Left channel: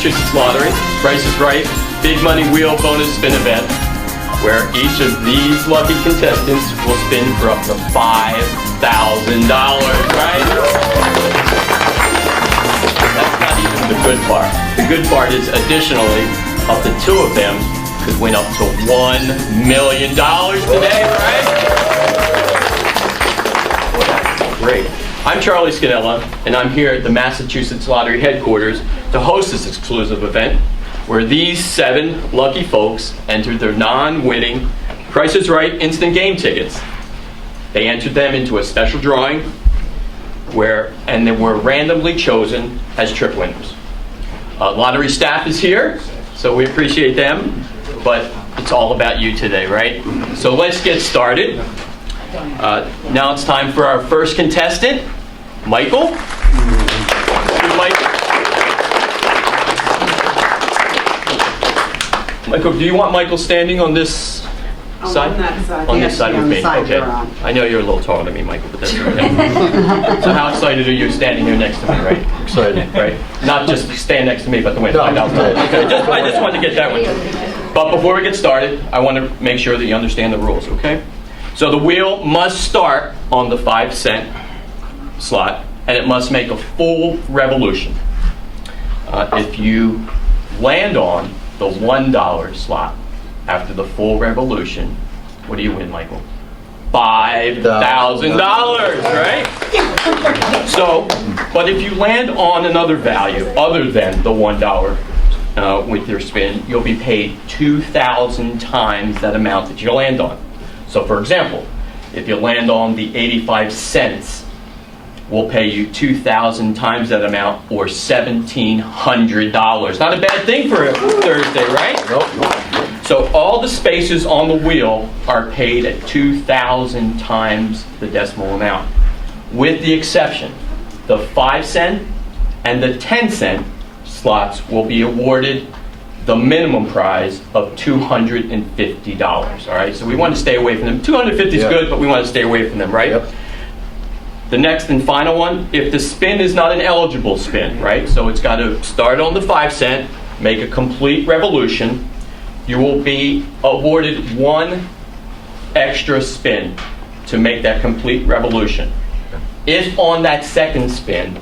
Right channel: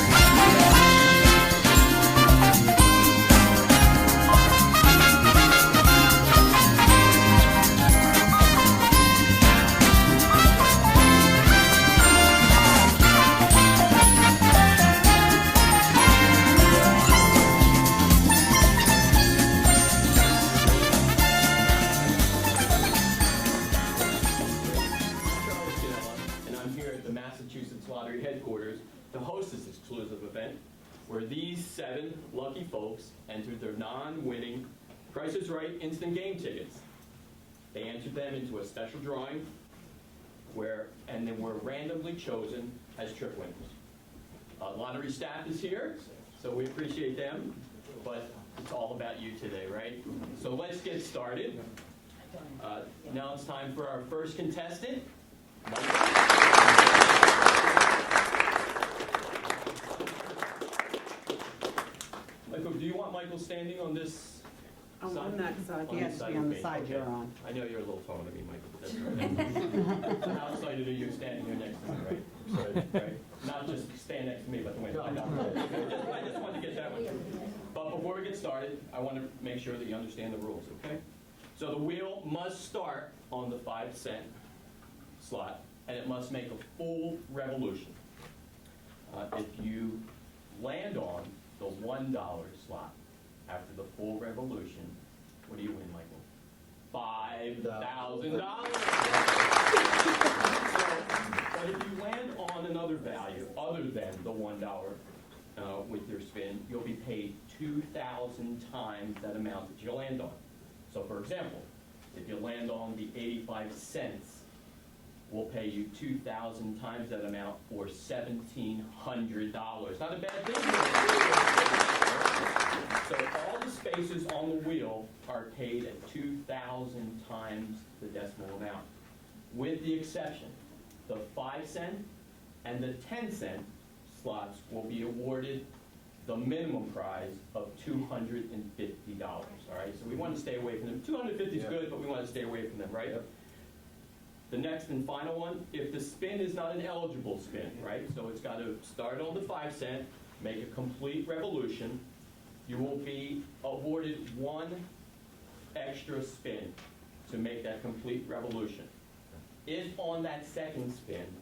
Massachusetts Lottery, Price is Right, Big Money Wheel Bonus Spin event, where each of these lucky contestants will spin for up to $5,000, right? That's the good part. The good part is, additionally, up to two of them could win up to $1 million today, right? Well, that's great. I'm Charlie Scannella, and I'm here at the Massachusetts Lottery headquarters to host this exclusive event where these 7 lucky folks entered their non-winning Price is Right instant game tickets. They entered them into a special drawing and they were randomly chosen as trip winners. Lottery staff is here, so we appreciate them, but it's all about you today, right? So let's get started. Now it's time for our first contestant, Michael. Michael, do you want Michael standing on this side? On that side. On this side with me. Okay. I know you're a little taller than me, Michael, but that's okay. So how excited are you standing here next to me, right? Excited. Right? Not just stand next to me, but the window. No. Okay. I just wanted to get that one. But before we get started, I want to make sure that you understand the rules, okay? So the wheel must start on the 5-cent slot, and it must make a full revolution. If you land on the $1 slot after the full revolution, what do you win, Michael? $5,000, right? So, but if you land on another value other than the $1 with your spin, you'll be paid 2,000 times that amount that you land on. So, for example, if you land on the 85 cents, we'll pay you 2,000 times that amount, or $1,700. Not a bad thing for a Thursday, right? Nope. So all the spaces on the wheel are paid at 2,000 times the decimal amount, with the exception the 5-cent and the 10-cent slots will be awarded the minimum prize of $250. All right, so we want to stay away from them. 250 is good, but we want to stay away from them, right? Yep. The next and final one, if the spin is not an eligible spin, right? So it's got to start on the 5-cent, make a complete revolution. You will be awarded 1 extra spin to make that complete revolution. If on that second spin,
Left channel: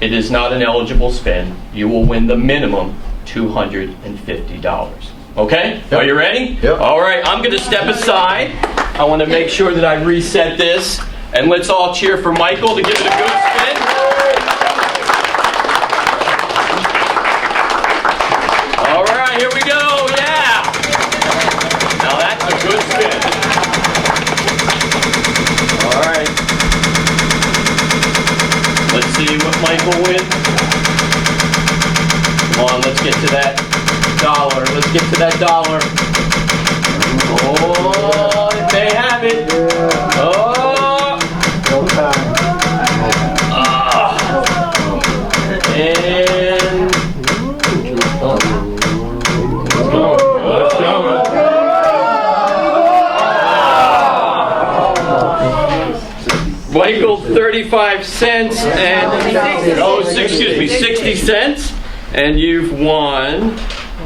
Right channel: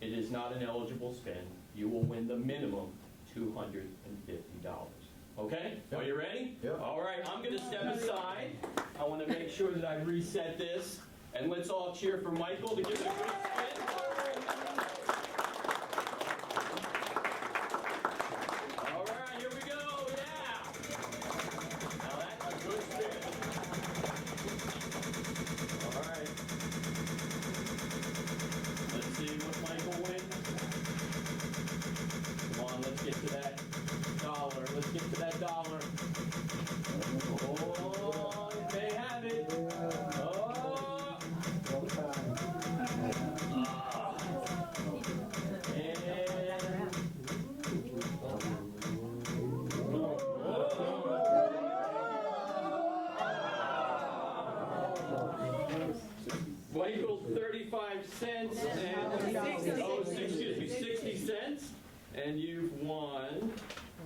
it is not an eligible spin, you will win the minimum $250. Okay? Yep. Are you ready? Yep. All right, I'm going to step aside. I want to make sure that I reset this. And let's all cheer for Michael to give it a good spin. All right, here we go. Yeah. Now that's a good spin. All right. Let's see what Michael wins. Come on, let's get to that dollar. Let's get to that dollar. Oh, if they have it. Oh. Michael, 35 cents and, 60 cents, and you've won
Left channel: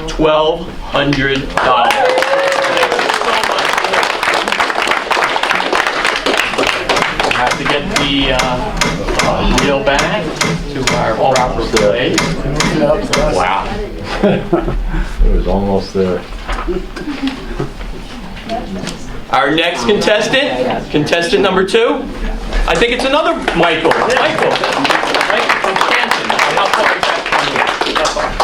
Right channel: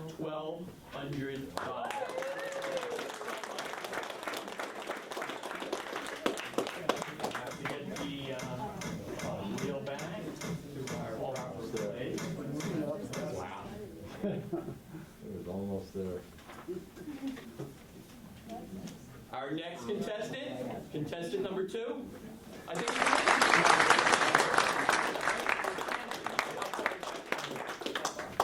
$1,200. Have to get the wheel back to our proper place. Wow. It was almost there. Our next contestant number 2, I think it's another Michael. Michael, right? From Canton. How far is that from here?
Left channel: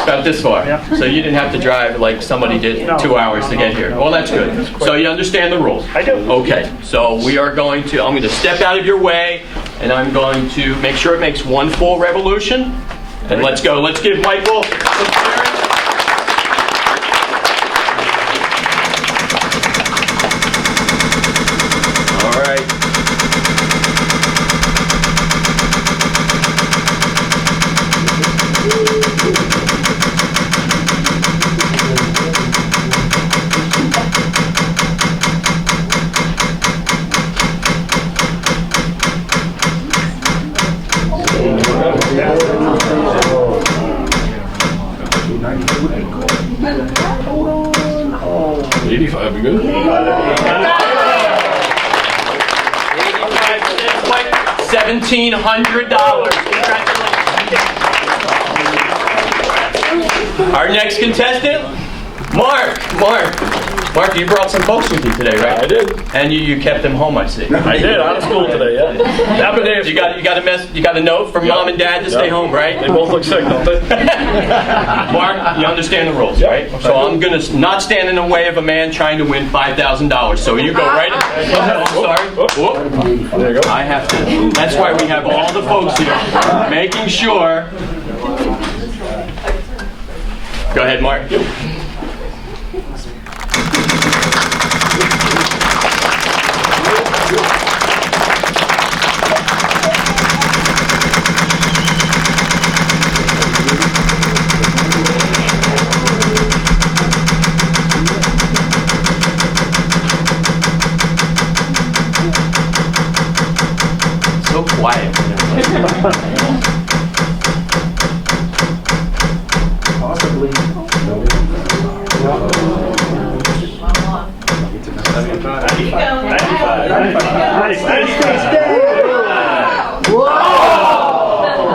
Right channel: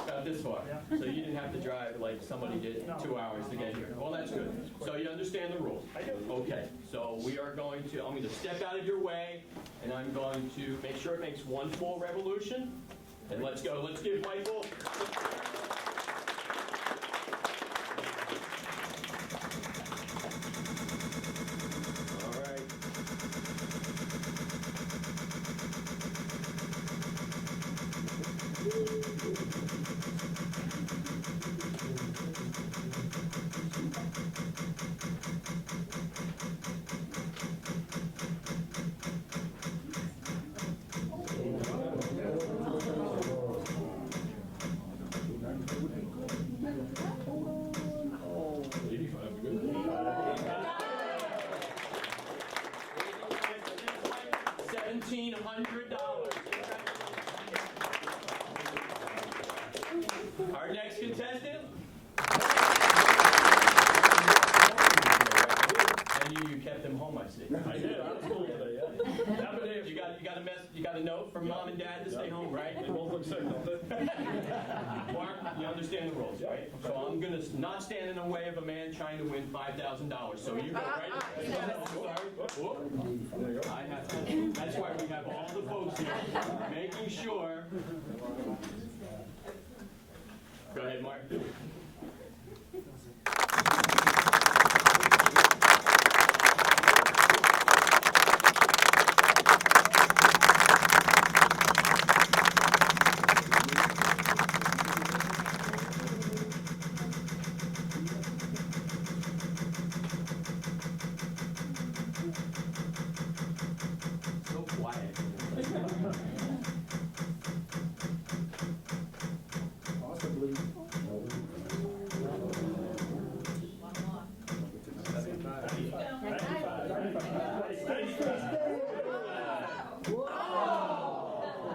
About this far. Yeah. So you didn't have to drive like somebody did 2 hours to get here. Well, that's good. So you understand the rules? I do. Okay. So I'm going to step out of your way, and I'm going to make sure it makes 1 full revolution. And let's go. Let's give Michael some cheering. 85 would be good. 85 cents, Mike. $1,700. Congratulations. Our next contestant, Mark. Mark, you brought some folks with you today, right? I did. And you kept them home, I see. I did. Out of school today, yeah. Happy days. You got a note from mom and dad to stay home, right? They both look sick, don't they? Mark, you understand the rules, right? So I'm gonna not stand in the way of a man trying to win $5,000. So you go right ahead. Oh, sorry. Whoop. There you go. I have to. That's why we have all the folks here, making sure. Go ahead, Mark. So quiet. Whoa!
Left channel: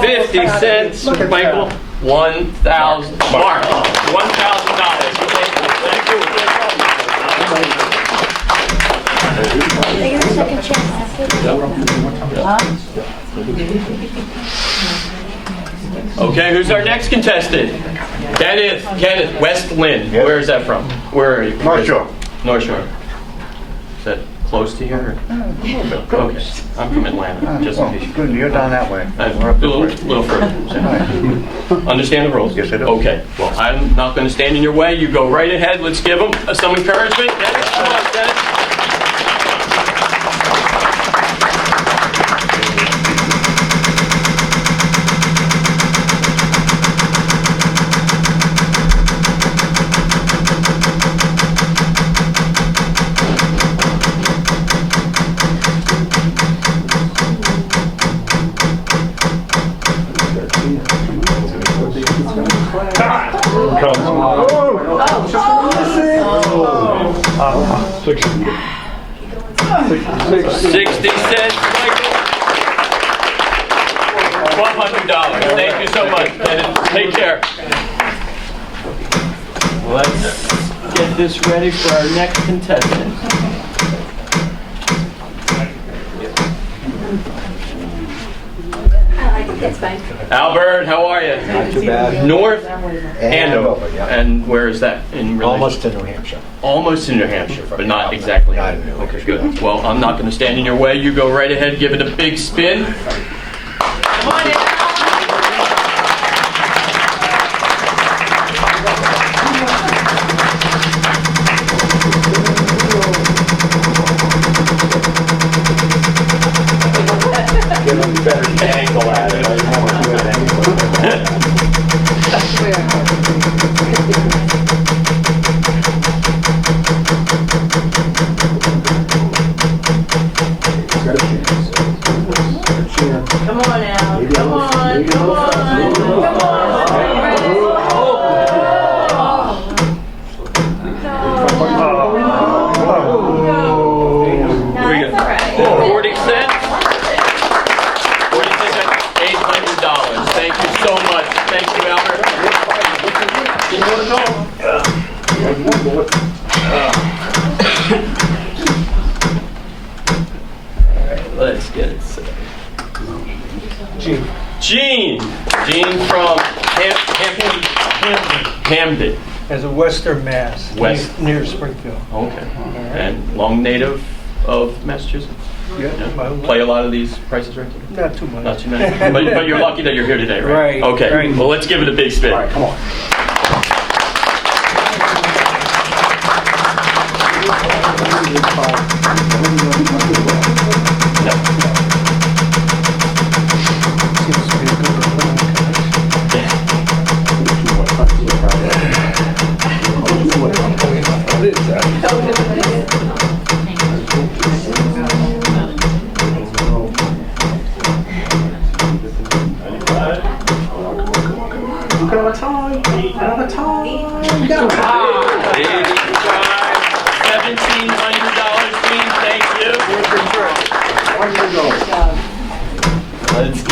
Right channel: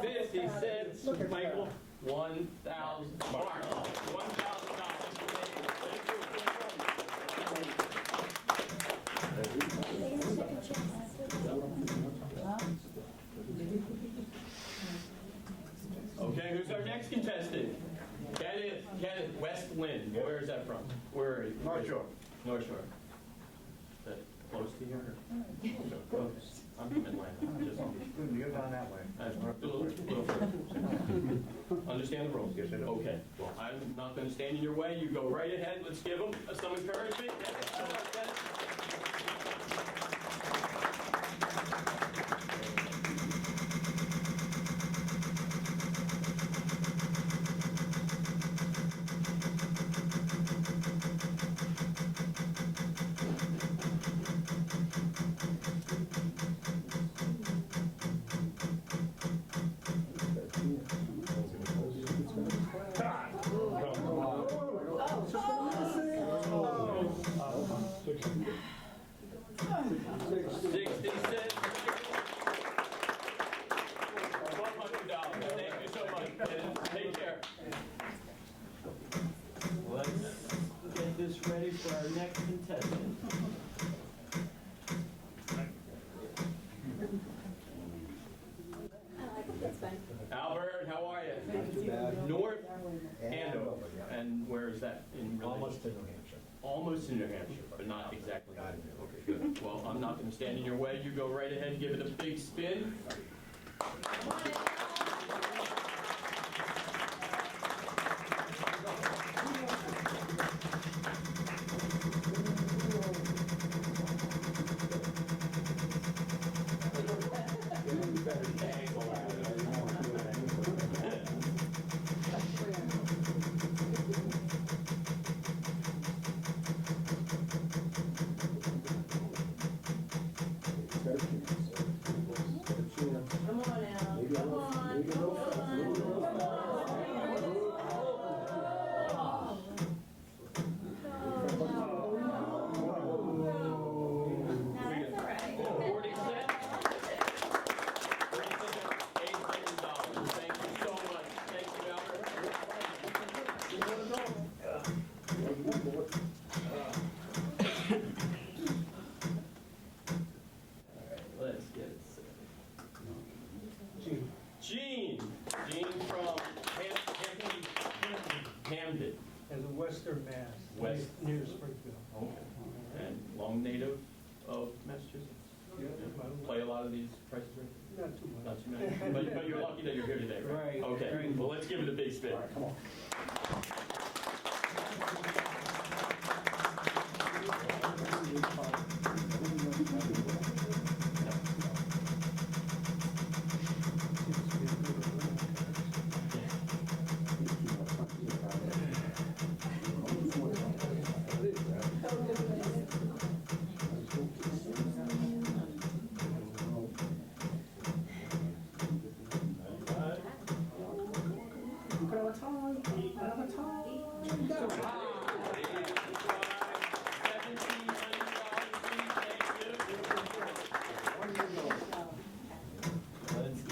50 cents, Michael. 1,000. Mark. $1,000. Thank you. Okay, who's our next contestant? Kenneth, West Lynn. Yep. Where is that from? Where are you? North Shore. North Shore. Is that close to here? Okay, I'm from Atlanta, just in case. Good, you're down that way. A little further. Understand the rules? Yes, I do. Okay, well, I'm not going to stand in your way. You go right ahead. Let's give them some encouragement. Dennis, come on, Dennis. Six. 60 cents, Michael. $1,200. Thank you so much, Dennis. Take care. Let's get this ready for our next contestant. That's fine. Albert, how are you? Not too bad. North Andover, yeah. And where is that in relation? Almost to New Hampshire. Almost in New Hampshire, but not exactly. Not in New Okay, Hampshire. good. Well, I'm not going to stand in your way. You go right ahead, give it a big spin. Come on in. Give them a better angle at it. I don't want to do it Come on now. Come on. Come on. Come on. 40 cents. 40 cents, $800. Thank you so much. Thank you, Albert. All right, let's get it set. Gene from Hamden. As a Western Mass, West. near Springfield. Okay. And long native of Massachusetts? Yeah, Yeah. Play a lot of these prices right? Not too much. Not too many. But you're lucky that you're here today, right? Right, Okay. right. Well, let's give it a big spin. All right, come on. Seems to be a good one. $85.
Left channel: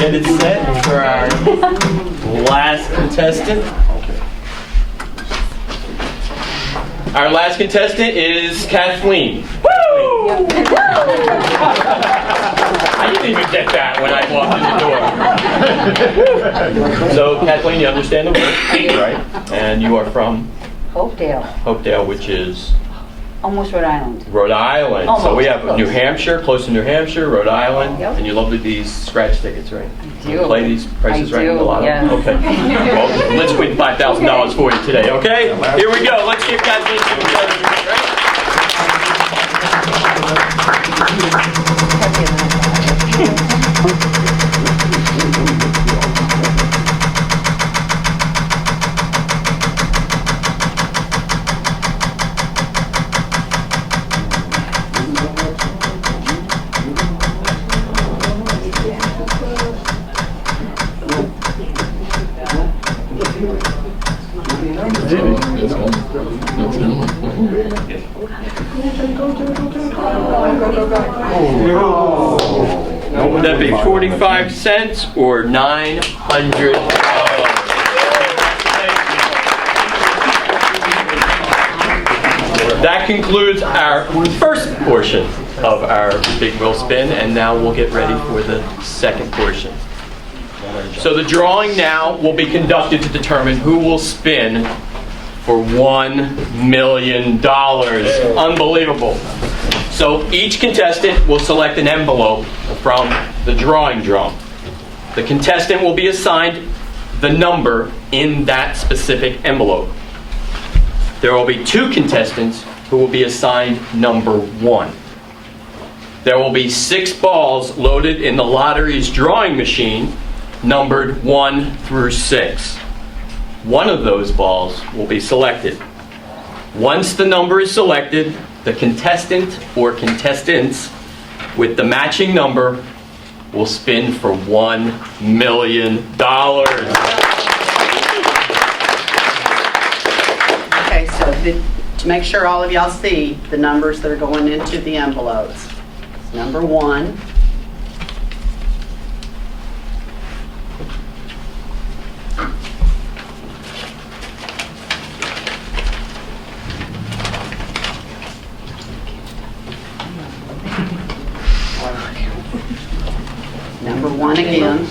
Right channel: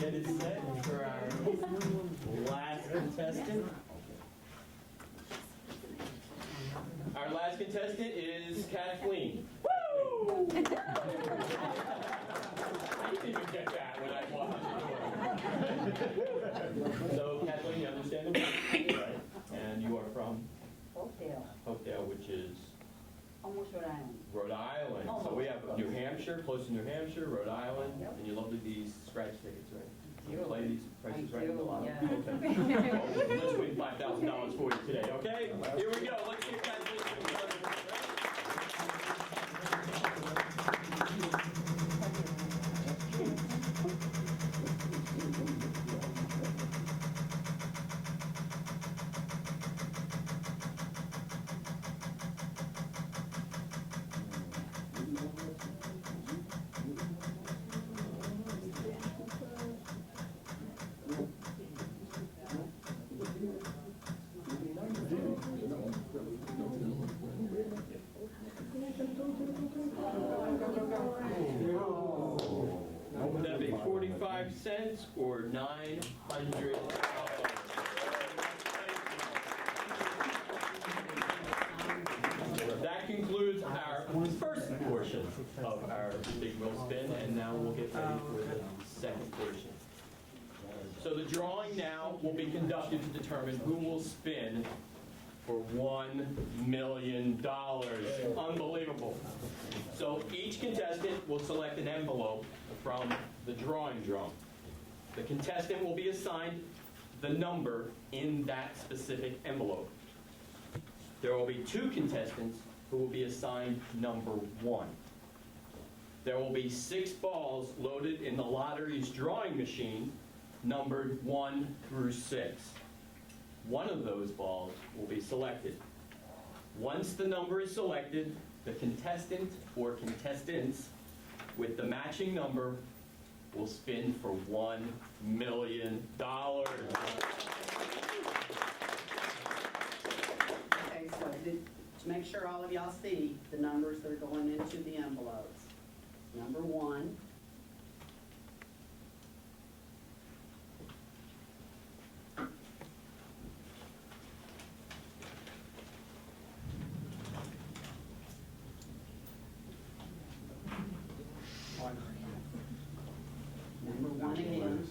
get it set for our last contestant. Our last contestant is Kathleen. Woo! I didn't even get that when I walked in the door. So, Kathleen, you understand the word, right? And you are from Hopedale, Hopedale, which is almost Rhode Island. Rhode Island. So we have Almost. New Hampshire, close to New Hampshire, Rhode Island, Yep. and you love these scratch tickets, right? I You do. play these prices I right in do, the lotto? yeah. Okay. Well, let's win $5,000 for you today, okay? Here we go. Let's give Kathleen some What would that be, 45 cents or $900? That concludes our first portion of our Big Wheel Spin, and now we'll get ready for the second portion. So the drawing now will be conducted to determine who will spin for $1 million. Unbelievable. So each contestant will select an envelope from the drawing drum. The contestant will be assigned the number in that specific envelope. There will be 2 contestants who will be assigned number 1. There will be 6 balls loaded in the lottery's drawing machine, numbered 1 through 6. One of those balls will be selected. Once the number is selected, the contestant or contestants with the matching number will spin for $1 million. Okay, so to make sure all of y'all see the numbers that are going into the envelopes. Number 1. Number 1 again.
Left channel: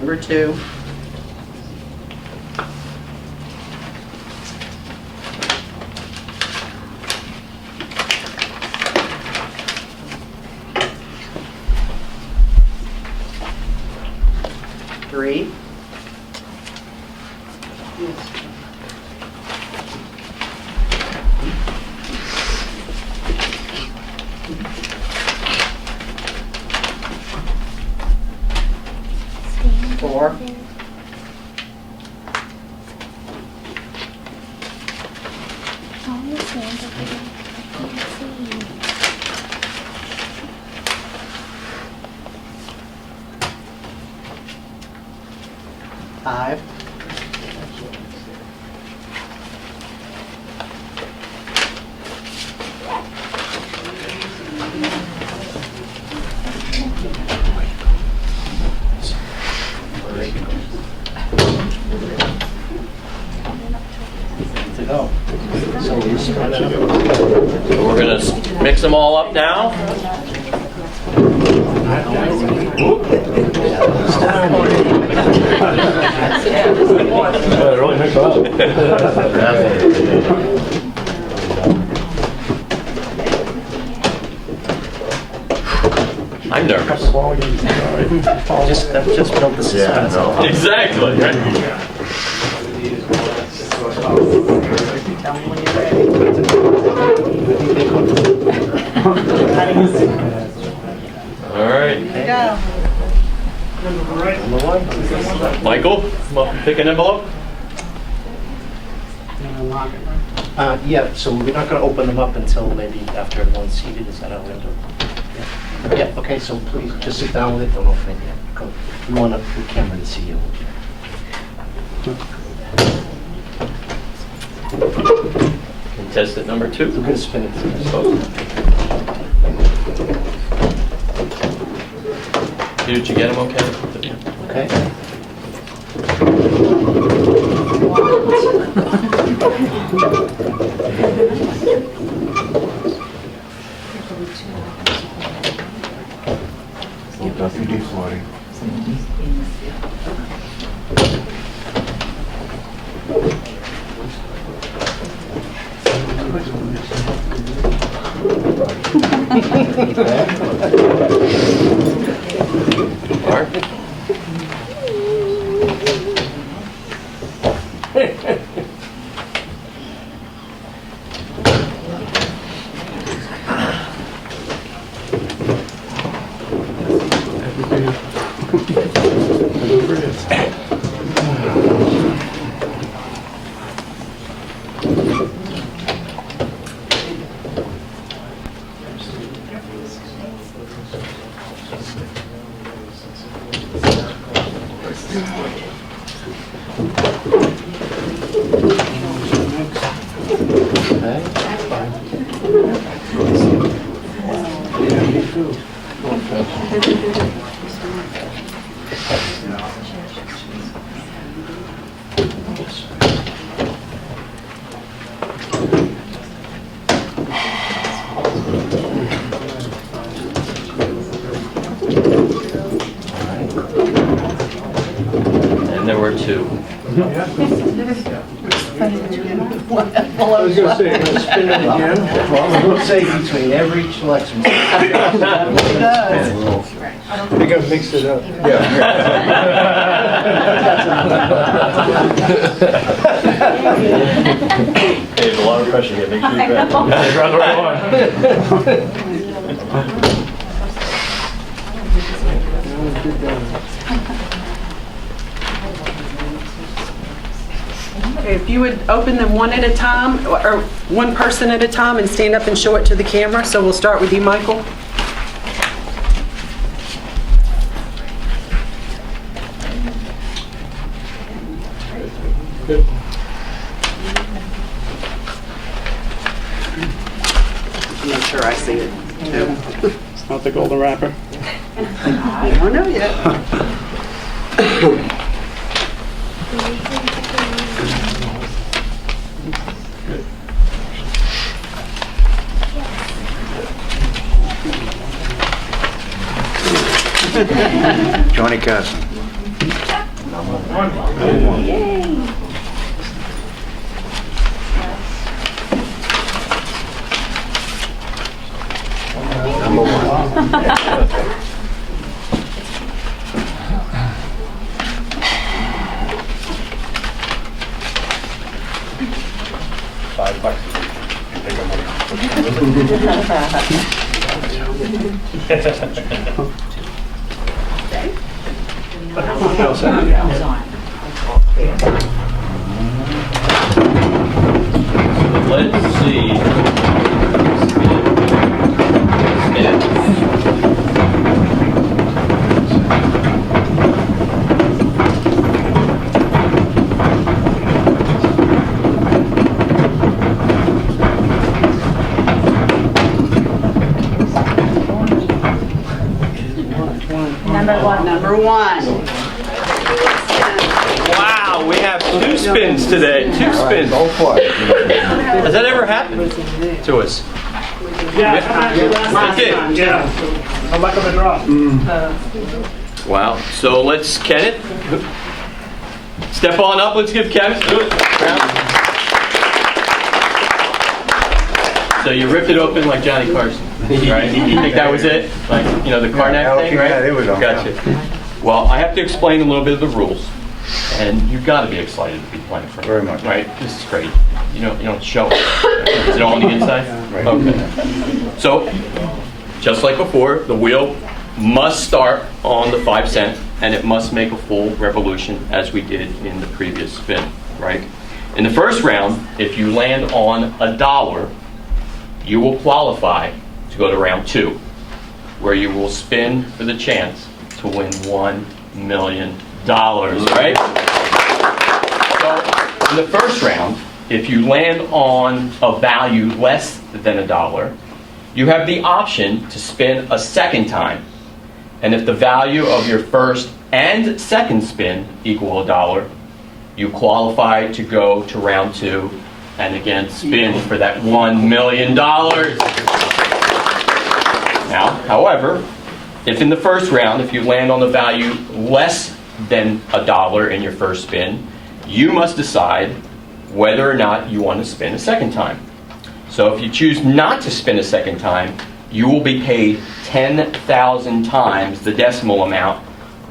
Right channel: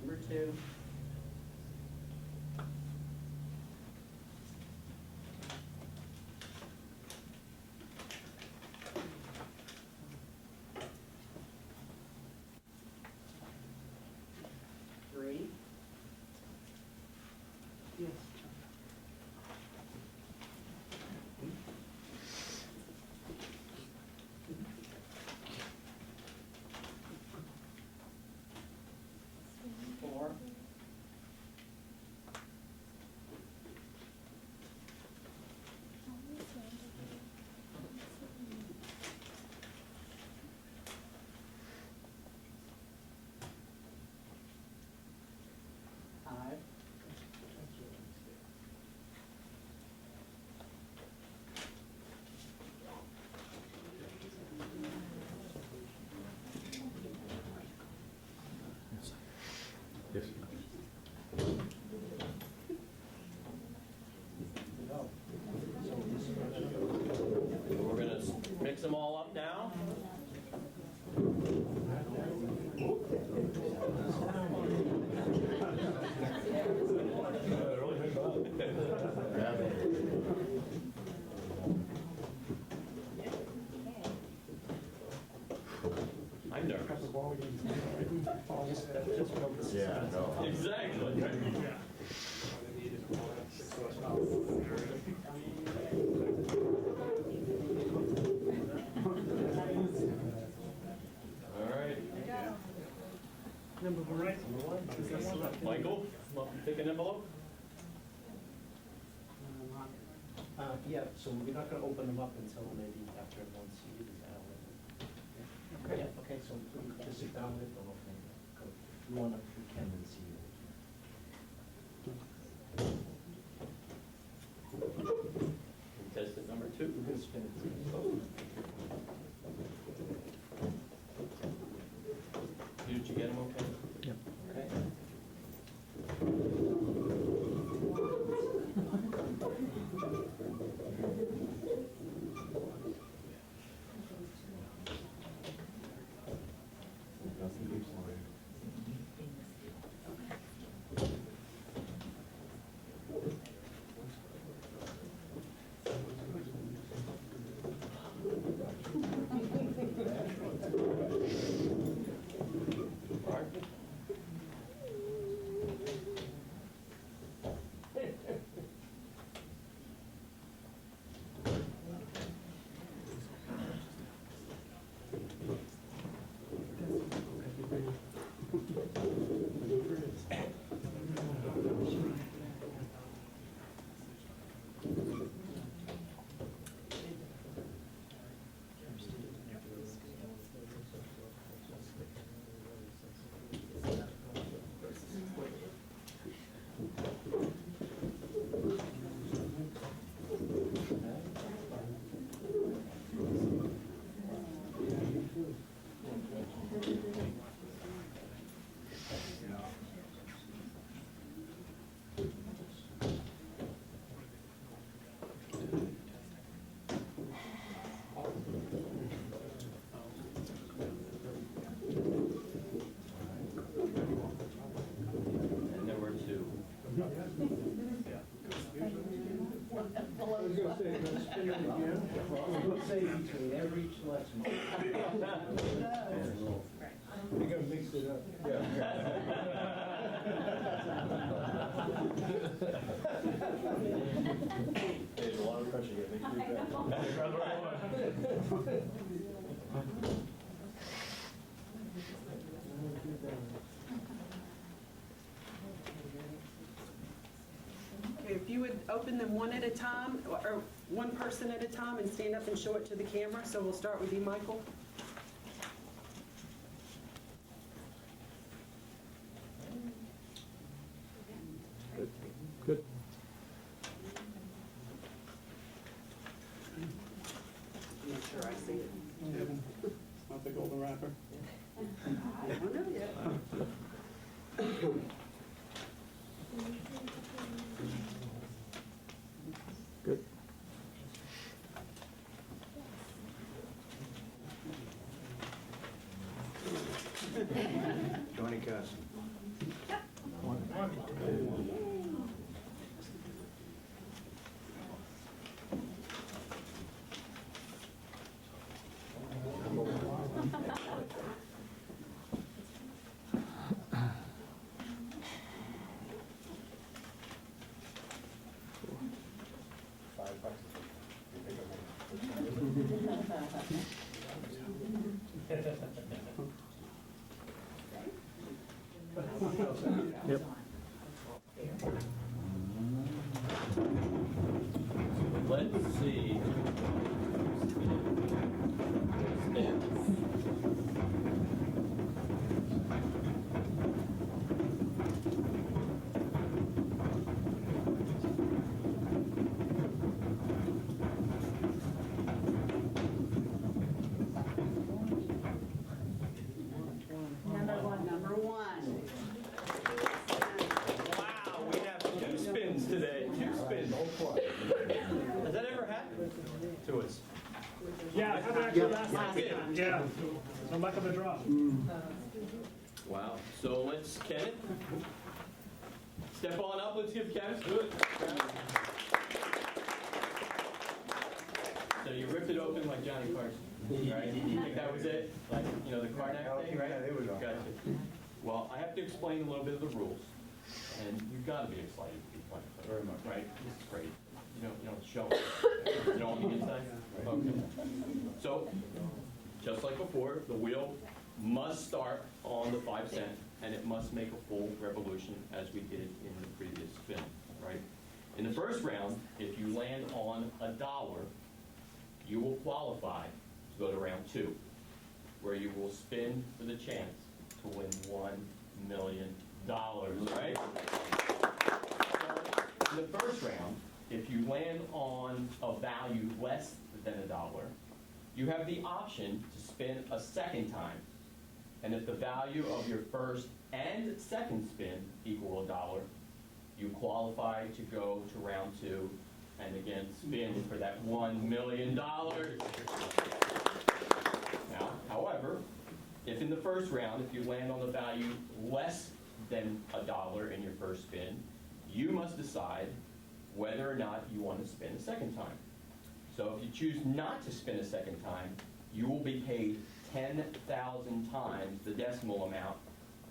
Number 2. Three. Four. Five. So we're going to mix them all up now. Yeah, really mix it up. I'm nervous. Just build the suspense. Exactly. Right? All right. Michael, pick an envelope. Yeah, so we're not going to open them up until maybe after everyone's seated. Is that how we're going to do it? Yeah, okay, so please just sit down with it. Don't open it yet. We want the camera to see you. Contestant number 2. We're going to spin it. Did you get him okay? Okay? WD-40. Mark? And there were 2. I was going to say, I'm going to spin it again. Well, we'll say between every selection. They gotta mix it up. Hey, there's a lot of pressure here. Make sure you grab it. Grab the right one. If you would open them one at a time, or one person at a time, and stand up and show it to the camera. So we'll start with you, Michael. Make sure I see it, too. It's not the golden wrapper. I don't know yet. Johnny Carson. Number 1. $5. Take our money. Let's see. Number 1. Wow, we have 2 spins today. 2 spins. Go for it. Has that ever happened to us? It did. Yeah. I'm not going to draw. Wow. So let's, Kenneth, step on up. Let's give Kenneth a round. So you ripped it open like Johnny Carson, right? You think that was it? Like, you know, the Karnak thing, right? Yeah, there we go. Gotcha. Well, I have to explain a little bit of the rules, and you've got to be excited to be playing for me. Very much. Right? This is great. You don't show it. Is it all on the inside? Right. Okay. So, just like before, the wheel must start on the 5 cent, and it must make a full revolution as we did in the previous spin, right? In the first round, if you land on $1, you will qualify to go to round 2, where you will spin for the chance to win $1 million, right? So in the first round, if you land on a value less than $1, you have the option to spin a second time. And if the value of your first and second spin equal $1, you qualify to go to round 2 and again spin for that $1 million. Now, however, if in the first round, if you land on the value less than $1 in your first spin, you must decide whether or not you want to spin a second time. So if you choose not to spin a second time, you will be paid 10,000 times the decimal amount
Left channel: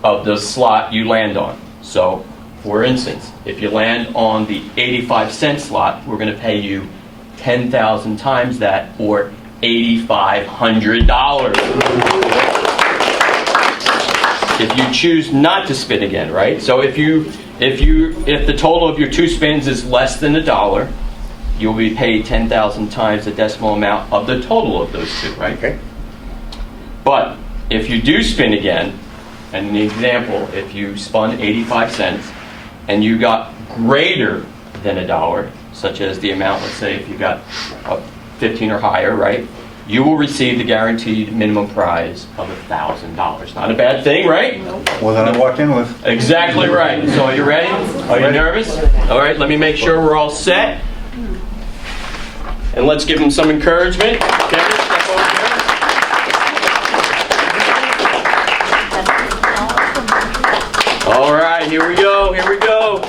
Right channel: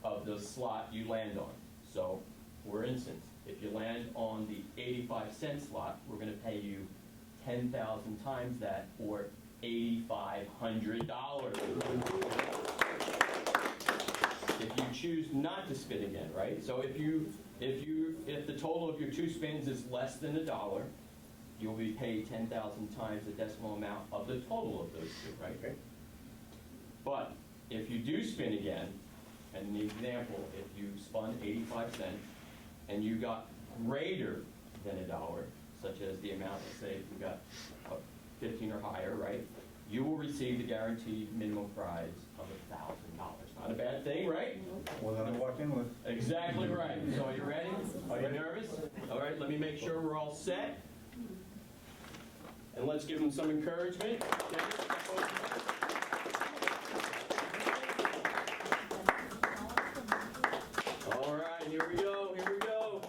of the slot you land on. So, for instance, if you land on the 85-cent slot, we're going to pay you 10,000 times that, or $8,500. If you choose not to spin again, right? So if the total of your 2 spins is less than $1, you'll be paid 10,000 times the decimal amount of the total of those 2, right? Okay. But if you do spin again, and an example, if you spun 85 cents and you got greater than $1, such as the amount, let's say if you got 15 or higher, right? You will receive the guaranteed minimum prize of $1,000. Not a bad thing, right? Well, then I walked in with. Exactly right. So are you ready? Are you nervous? All right, let me make sure we're all set. And let's give them some encouragement. Kevin, step over here. All right, here we go, here we go.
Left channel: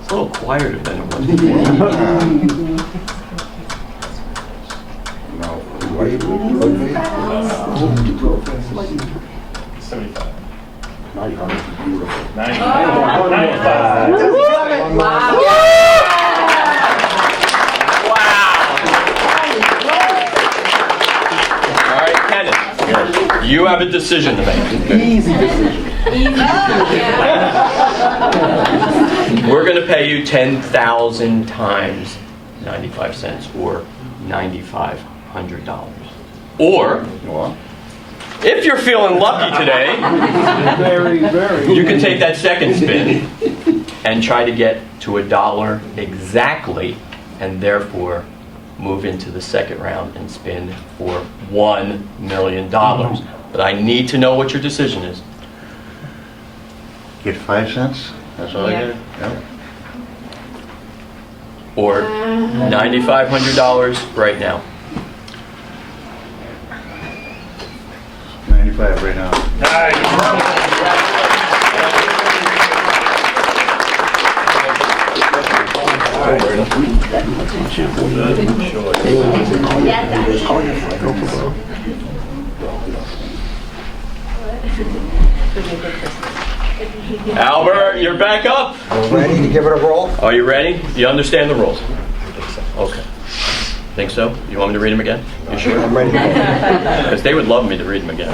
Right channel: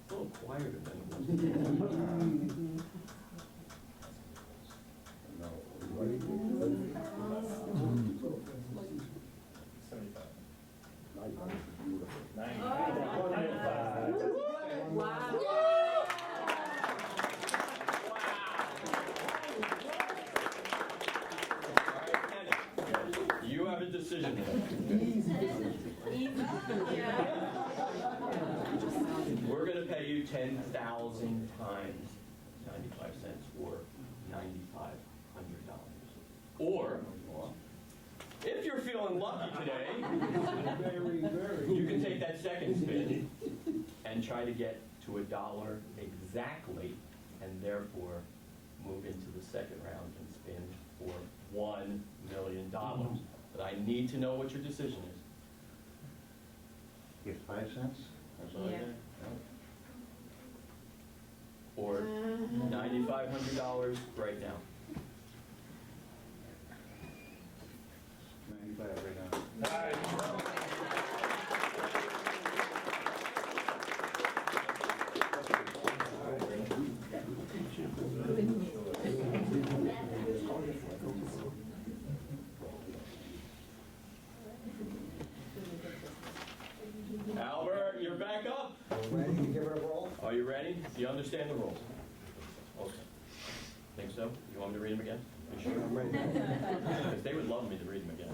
It's a little quieter than it was before. All right, Kenneth, you have a decision to make. Easy decision. We're going to pay you 10,000 times 95 cents, or $9,500. Or, if you're feeling lucky today, you can take that second spin and try to get to $1 exactly, and therefore move into the second round and spin for $1 million. But I need to know what your decision is. Get 5 cents? That's all I get? Yep. Or $9,500 right now. 95 right now. Albert, you're back up. Ready to give it a roll? Are you ready? You understand the rules? Okay. Think so? You want me to read them again? You sure? I'm ready to go. Because they would love me to read them again.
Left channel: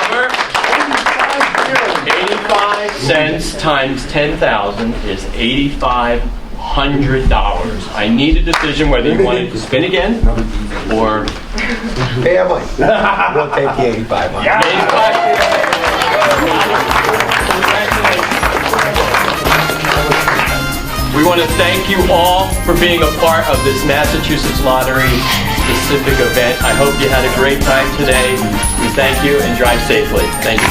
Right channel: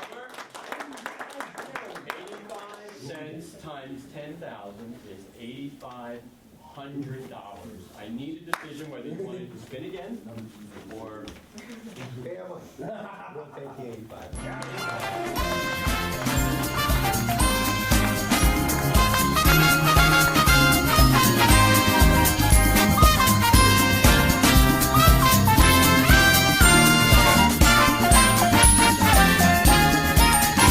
Albert, 85 cents times 10,000 is $8,500. I need a decision whether you want to spin again or Family. We'll take the 85. We want to thank you all for being a part of this Massachusetts Lottery specific event. I hope you had a great time today. Thank you and drive safely. Thank you.